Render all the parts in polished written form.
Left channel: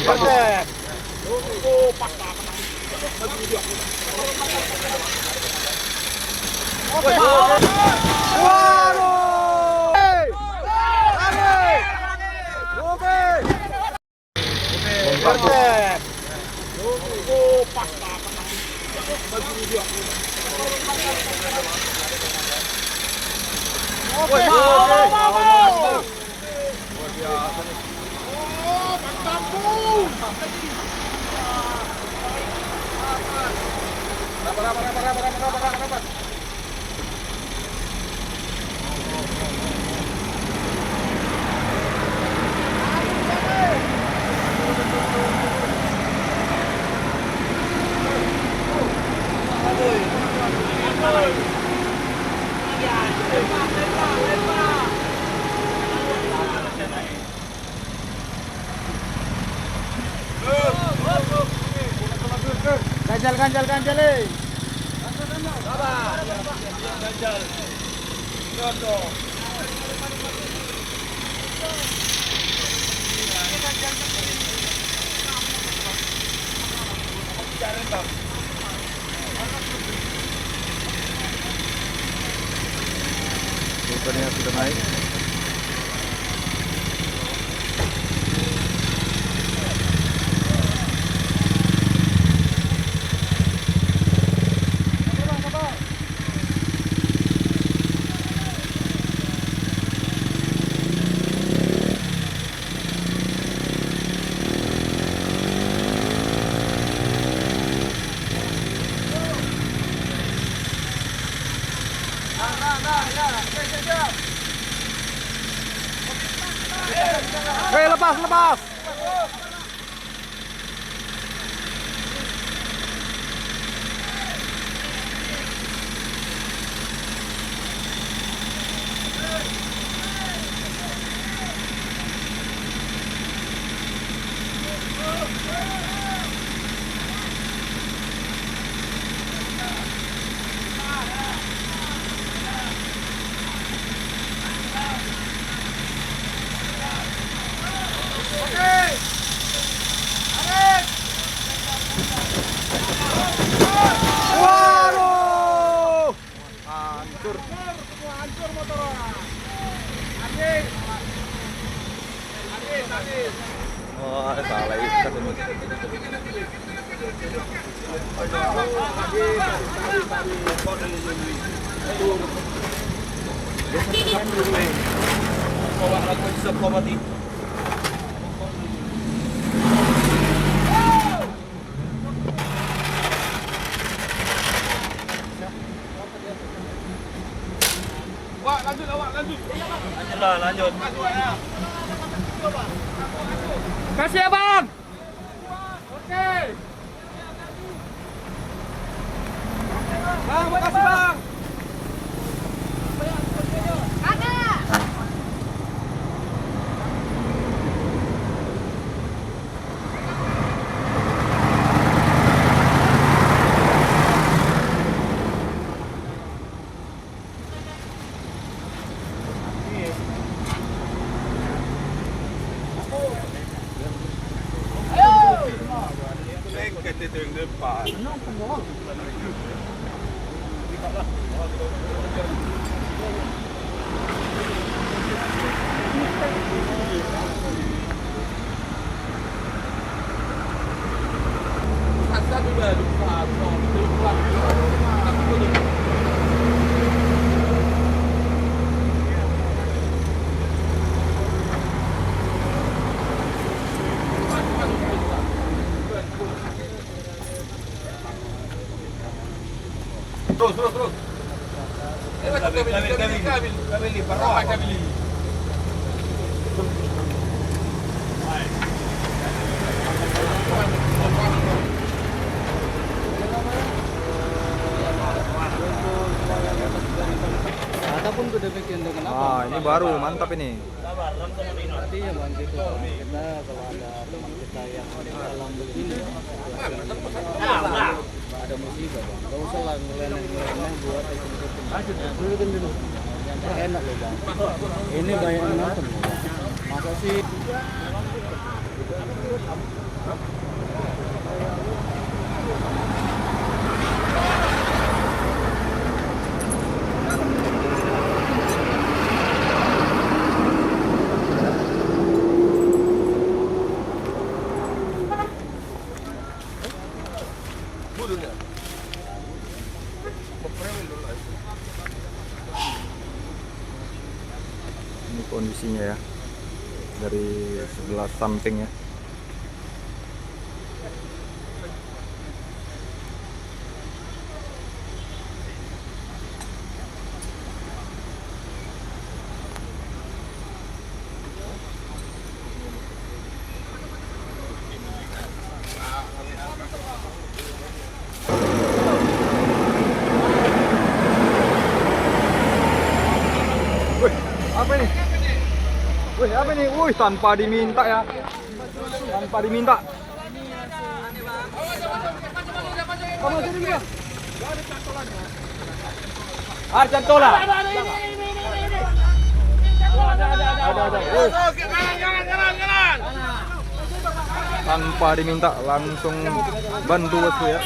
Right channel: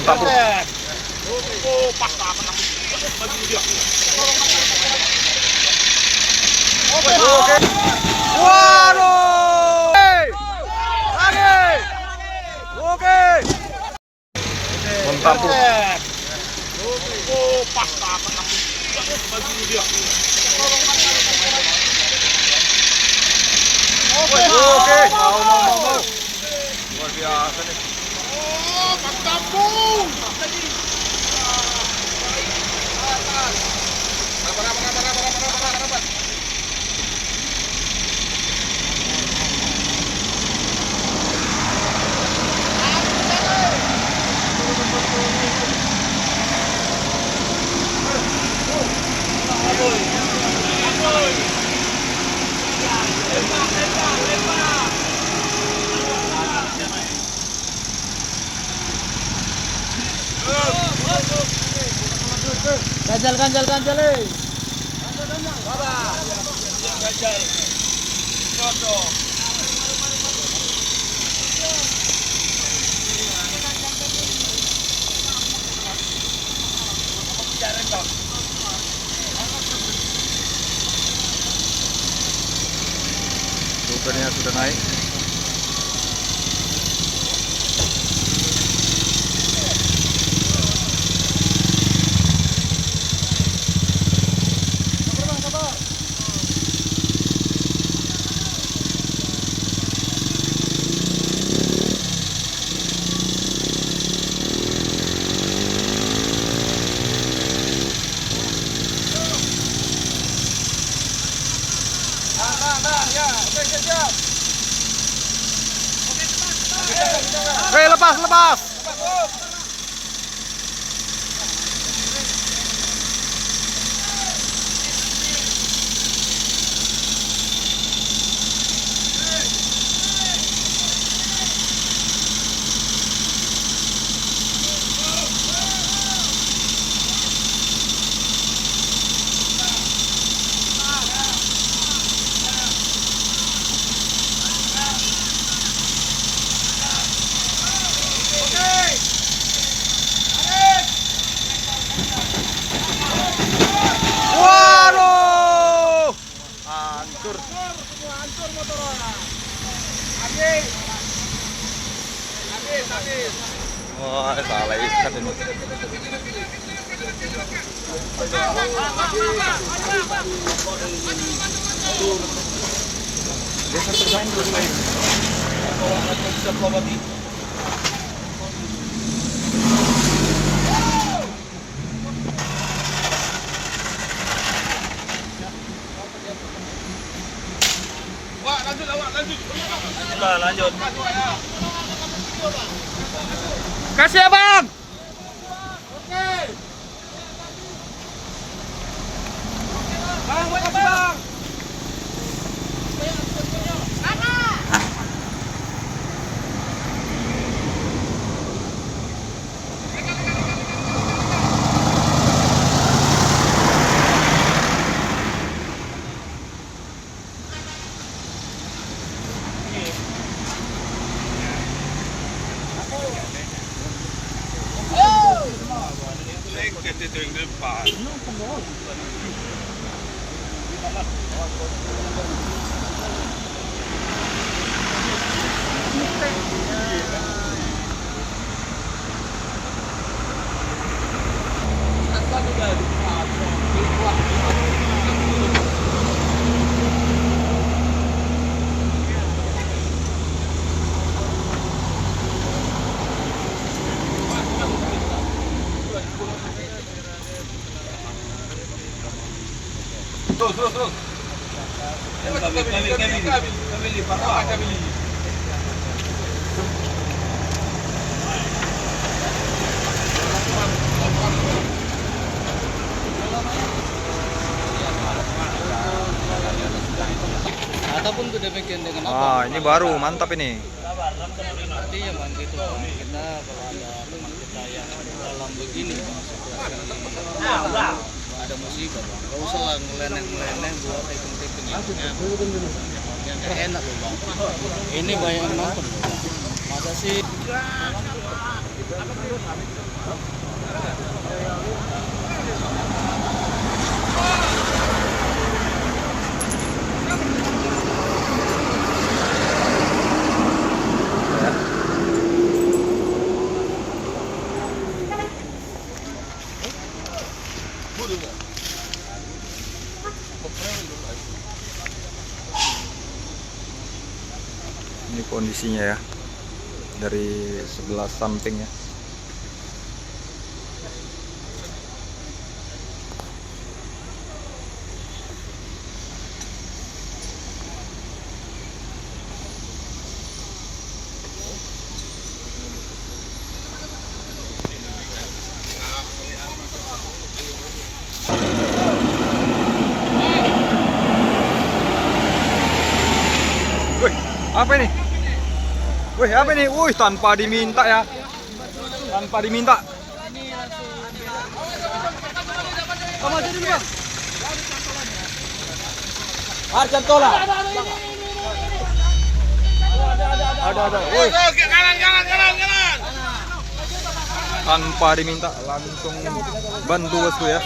Mantap, Bu. Oh, pas apa namanya? Oke. Waduh. Lari. Oke. Mantap, Bu. Oh, pas apa namanya? Baju dia. Oke. Mau. Luar biasa nih. Oh, pas kampung. Ganjal. Sabar. Ganjal. Jodoh. Sukarnya sudah naik. Lepas. Waduh. Hancur motornya. Habis. Wah, salah ikat ini. Geser termain dulu ini. Lanjut. Kasih abang. Oke. Bang, makasih bang. Itu yang depan. Terus. Kabili, parah kabili. Ataupun sudah bikin dengan Wah, ini baru mantap ini. artinya bang gitu bang. Kita kalau ada teman kita yang dalam begini bang, situasi ada musibah bang, gak usah lah ngeleneh buat hitung-hitungnya yang enak loh bang. Ini banyak yang nonton loh bang, masa sih kondisinya ya dari sebelah samping ya. Wih, apa ini? Wih, apa ini? Wih, tanpa diminta ya. Tanpa diminta. Kamu aja dulu, Bang. Arjan tola. Ada. Wih. Kanan. Tanpa diminta langsung bantu bosku ya.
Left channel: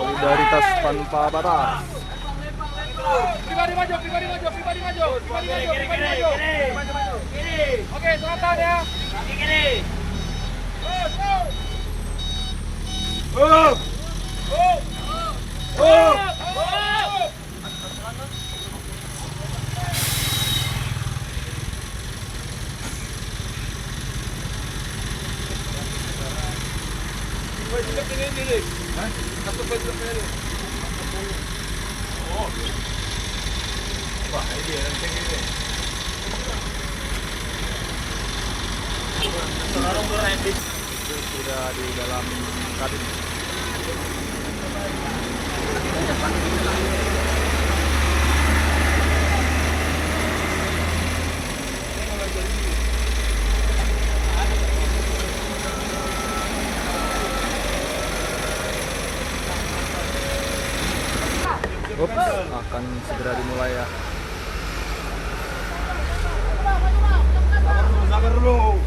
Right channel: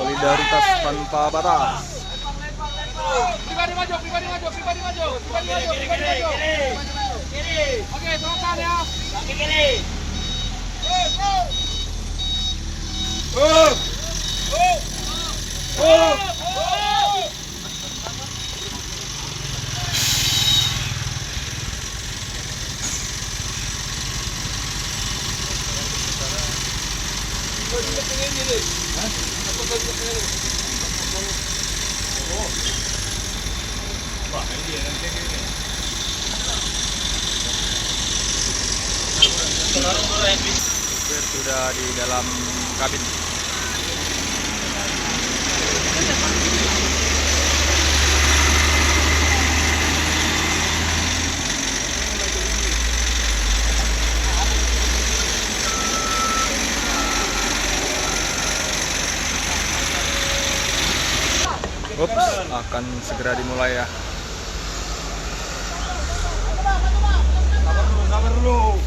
Solidaritas tanpa batas. Pribadi maju. Kiri. Oke, tahan ya. Kaki kiri. Supir sudah di dalam kabin. Ups, akan segera dimulai ya. Sabar dulu.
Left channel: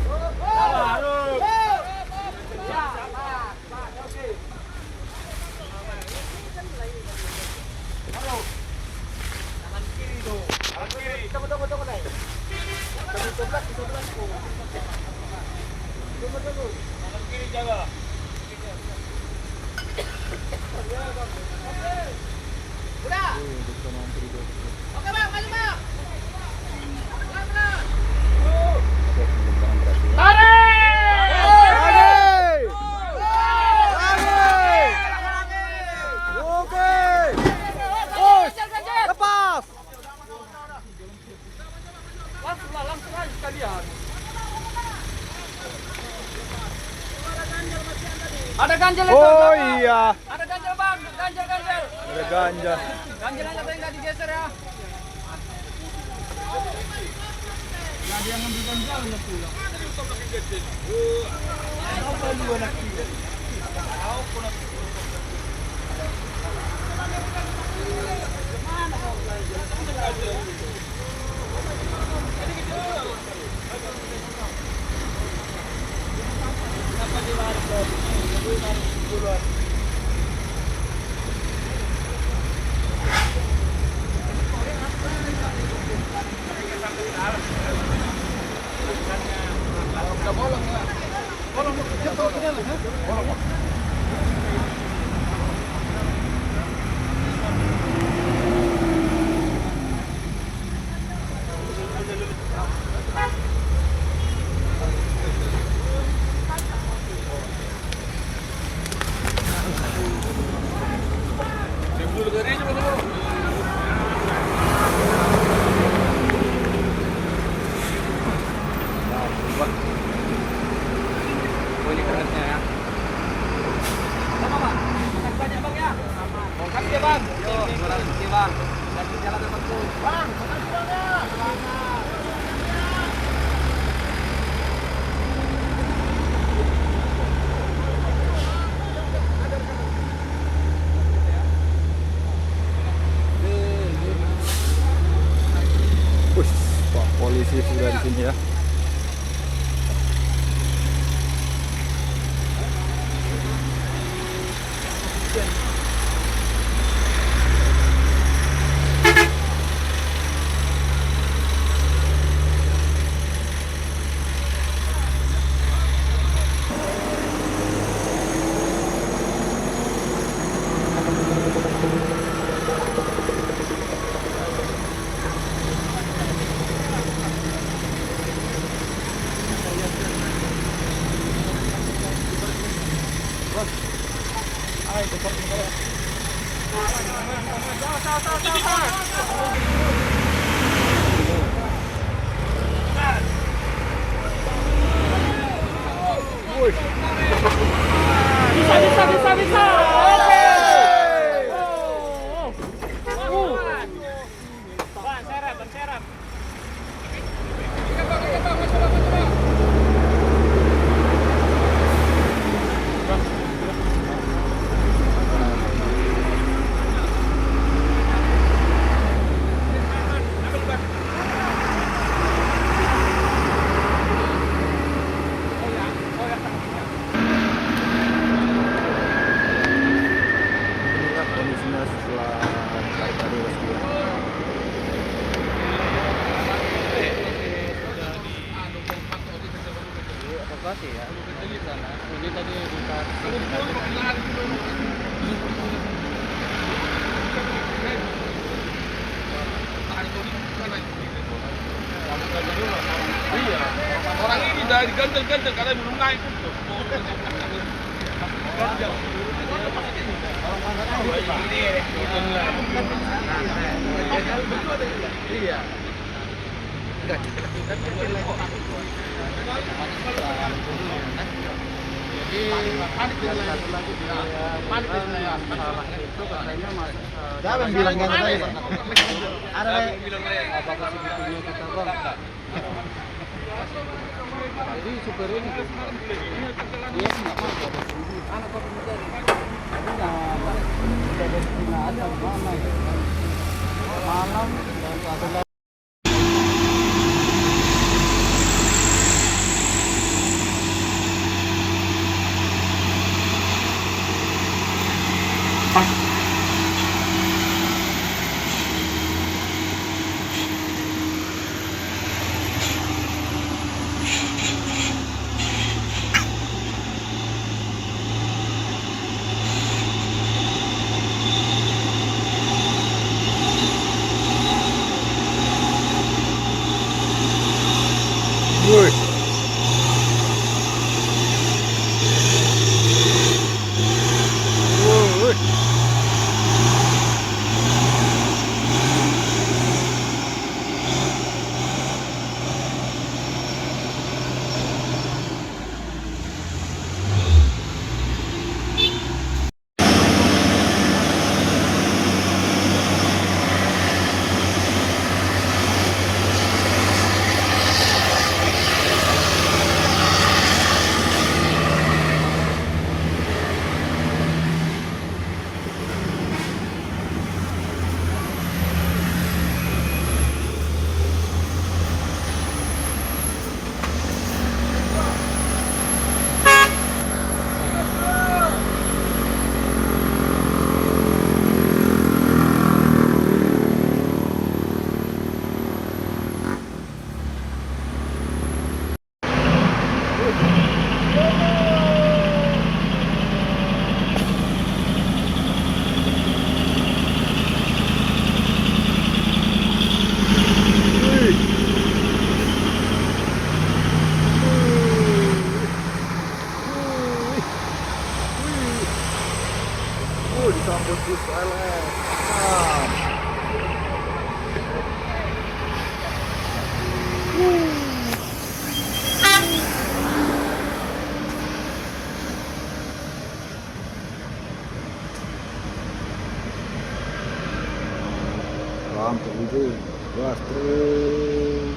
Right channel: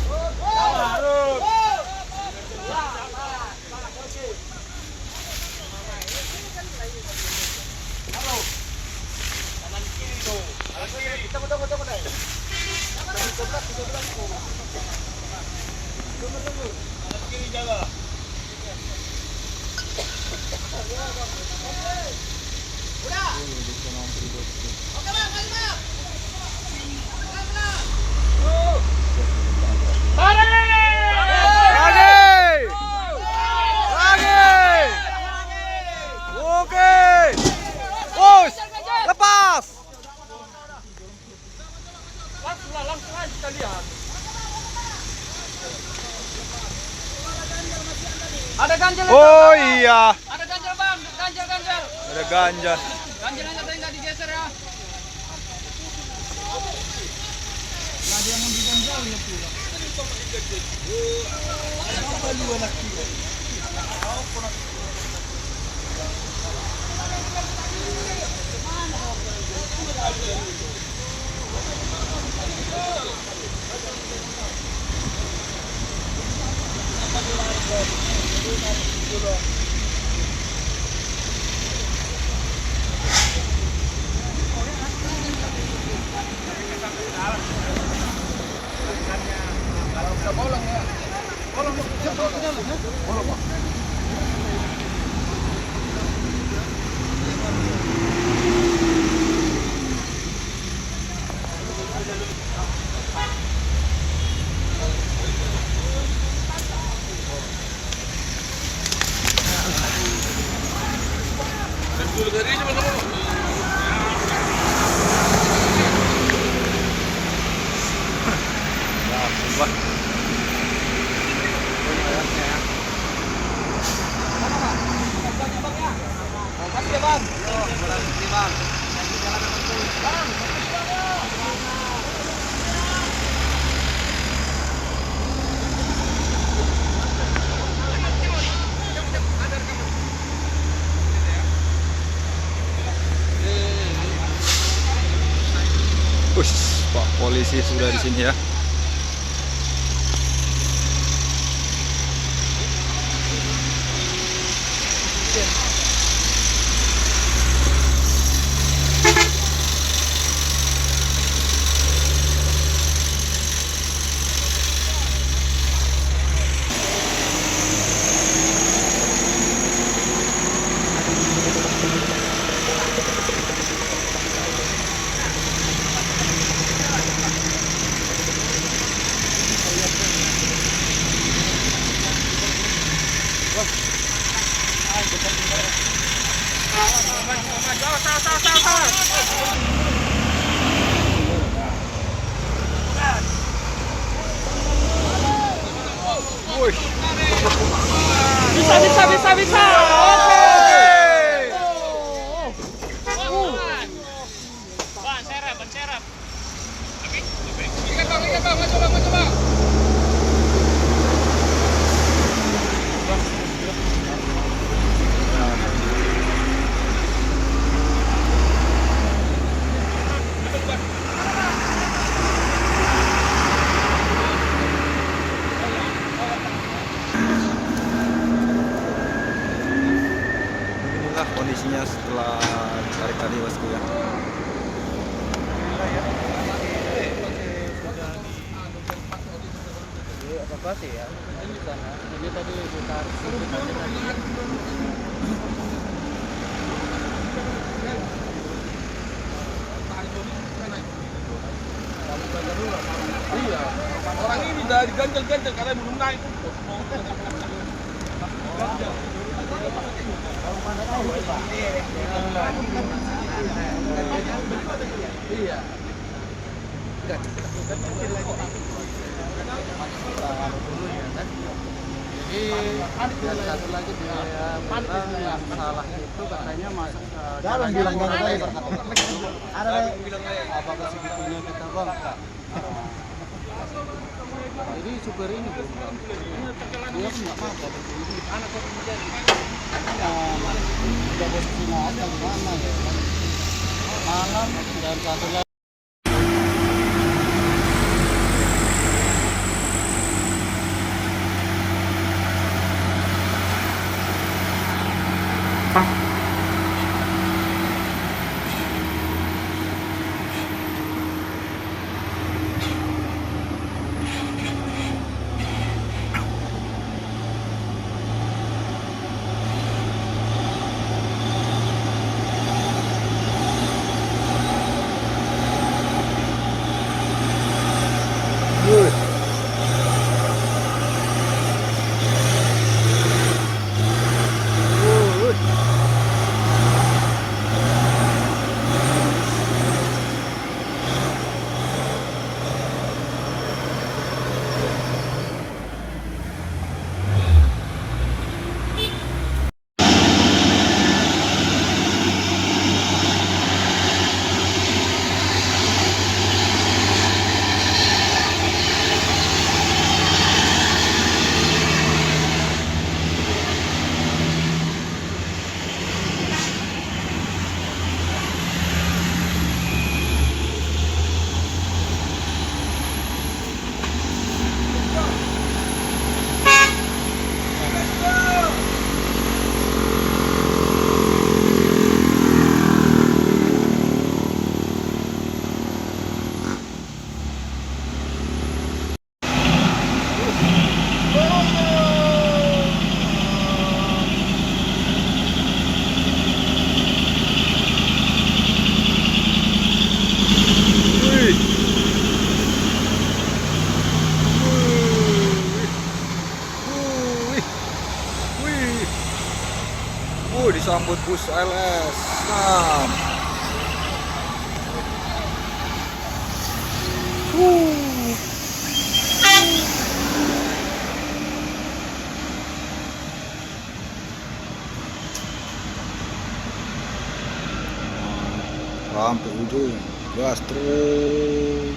Ada ganjel. Oh iya, Ada ganjel, Bang. Ganjel. ada ganja. Ganjelannya tadi nggak digeser ya. Wah, Makasih ya, Bang. Pak polisi sudah di sini ya. Wih. Bisa. Bang, serap. Ikat bang, coba. Inilah kondisinya setelah ditarik tadi bosku ya. Evakuasi ya. Ini tadi ditarik. Iya. Orang ini dari ganjel karena belum naik. Iya. Siapa yang bilang ganti tadi? Ada Jadi supir ini dia nggak mau ada di sini. Anak kok menjadi. Udah dari Cina aja mana ya? Malam dan satu lagi. Wih. Wih. Wih. Disambut bus LS. Nah. Sampai ujung, gas terus.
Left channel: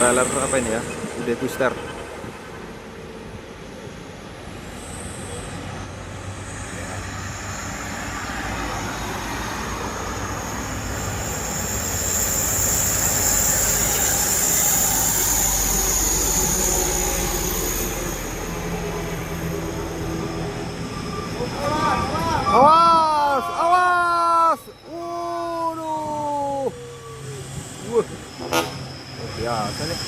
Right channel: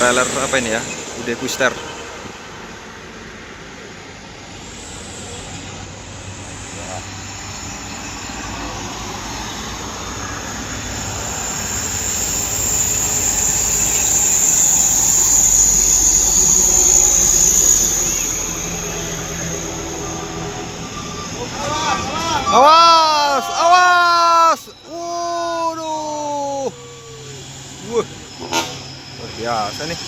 trailer apa ini ya, UD Quister. Awas, awas. Waduh. Wah. Luar biasa nih.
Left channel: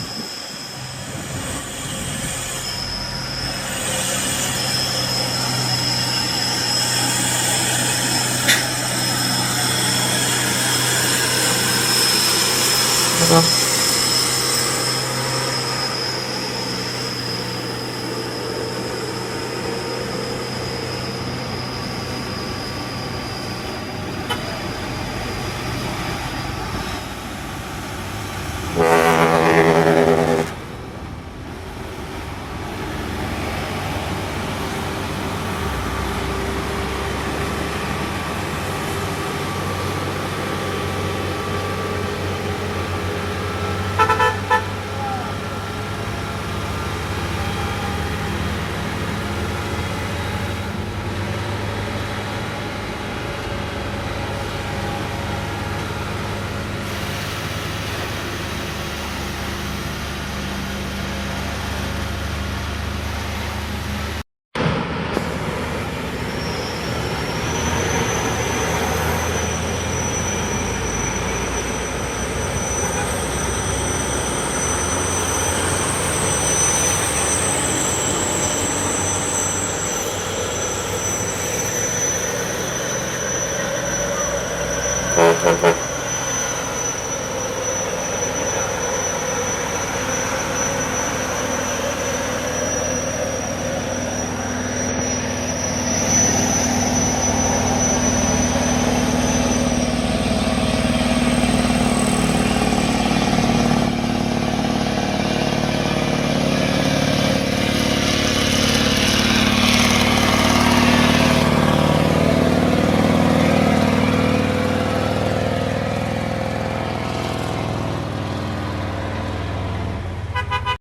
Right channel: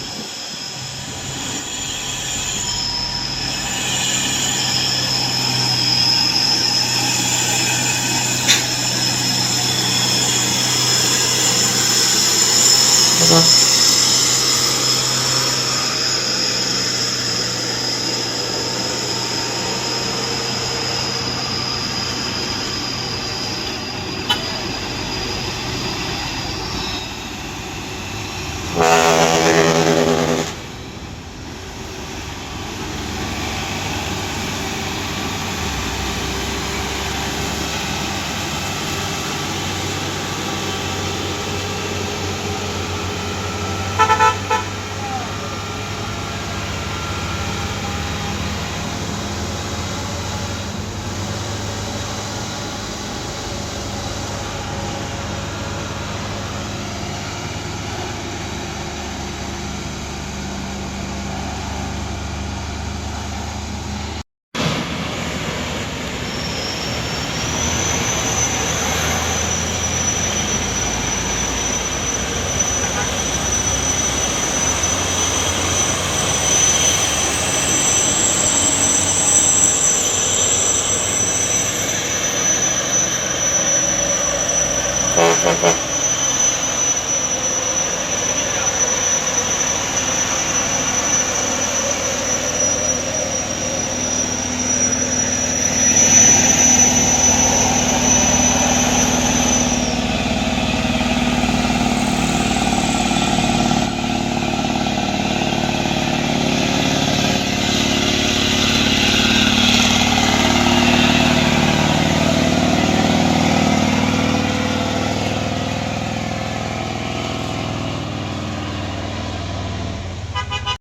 Thank you.